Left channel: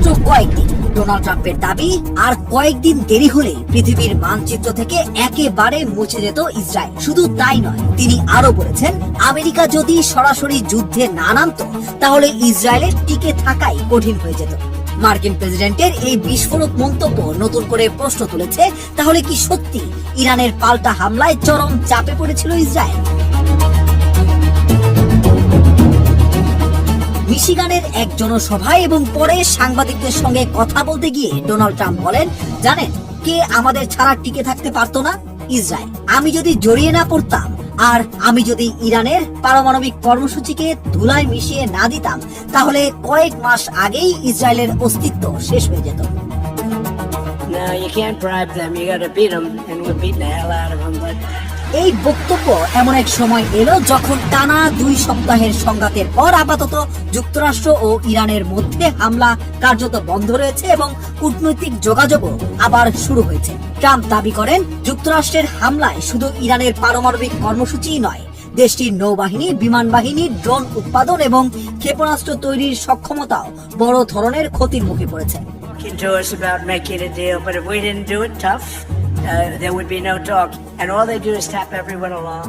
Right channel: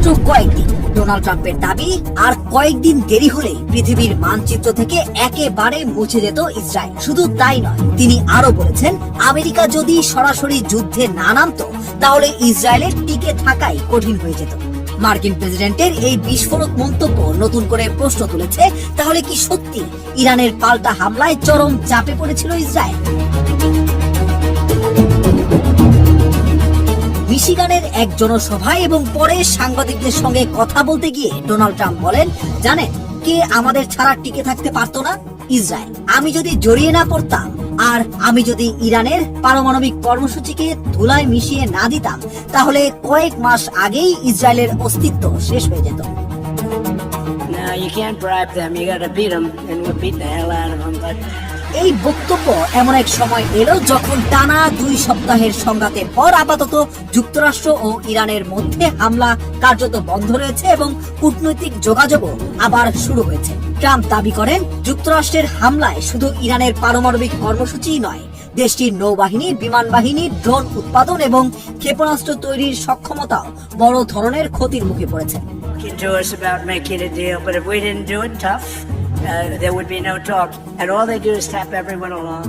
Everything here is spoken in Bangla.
মাত্র কয়েকদিন। ডোনাল্ড ট্রাম্পের দাবি আর কয়েকদিন দেরি হলে পৃথিবীর মানচিত্র থেকে একেবারে মুছে যেত ইসরায়েল। শুধু তাই নয়, তিনি আরো বলেছেন আমেরিকা যদি সরাসরি যুদ্ধে না নামতো তাহলে ইসরায়েলের টিকে থাকাই কঠিন হয়ে যেত। মার্কিন প্রেসিডেন্টের এই বিস্ফোরক মন্তব্য নতুন করে প্রশ্ন তুলেছে, তাহলে কি সত্যি ইরানের পাল্টা হামলায় চরম চাপে পড়েছিল ইসরায়েল? মিশিগানের এক জনসভায় এবং পরে সাংবাদিকদের সঙ্গে কথা বলতে গিয়ে ডোনাল্ড ট্রাম্প বলেন, জানেন কি আমাদের ছাড়া টিকে থাকতে পারতো না ইসরায়েল। আমি যদি জড়িয়ে না পড়তাম আর আমি যদি ইরানের পারমাণবিক কর্মসূচিকে ধুলায় মিশিয়ে না দিতাম তাহলে কয়েক মাস আগেই ইসরায়েলের অস্তিত্ব শেষ হয়ে যেত। No, you can't bribe them. You gotta beat them, and we'll beat the hell out of them. But এই বক্তব্য এমন এক সময় এলো যখন টানা 2 সপ্তাহের সংঘাতের পর আপাতত যুক্তরাষ্ট্র ও ইরানের মধ্যে হামলা কার্যত বন্ধ রয়েছে এবং কূটনৈতিক যোগাযোগও আবার শুরু হয়েছে। ট্রাম্প দাবি করেন, যুক্তরাষ্ট্রের হামলায় শুধু ইরানের পারমাণবিক কর্মসূচিই নয়, দেশটির নৌবাহিনী, বিমান বাহিনী, ড্রোন উৎপাদন এবং ক্ষেপণাস্ত্র তৈরির সক্ষমতাও বড় ধরনের ক্ষতির মুখে পড়েছে। talking to us about making a deal, but if we didn't do it tough, there would be no talk. And all they do is tap everyone along.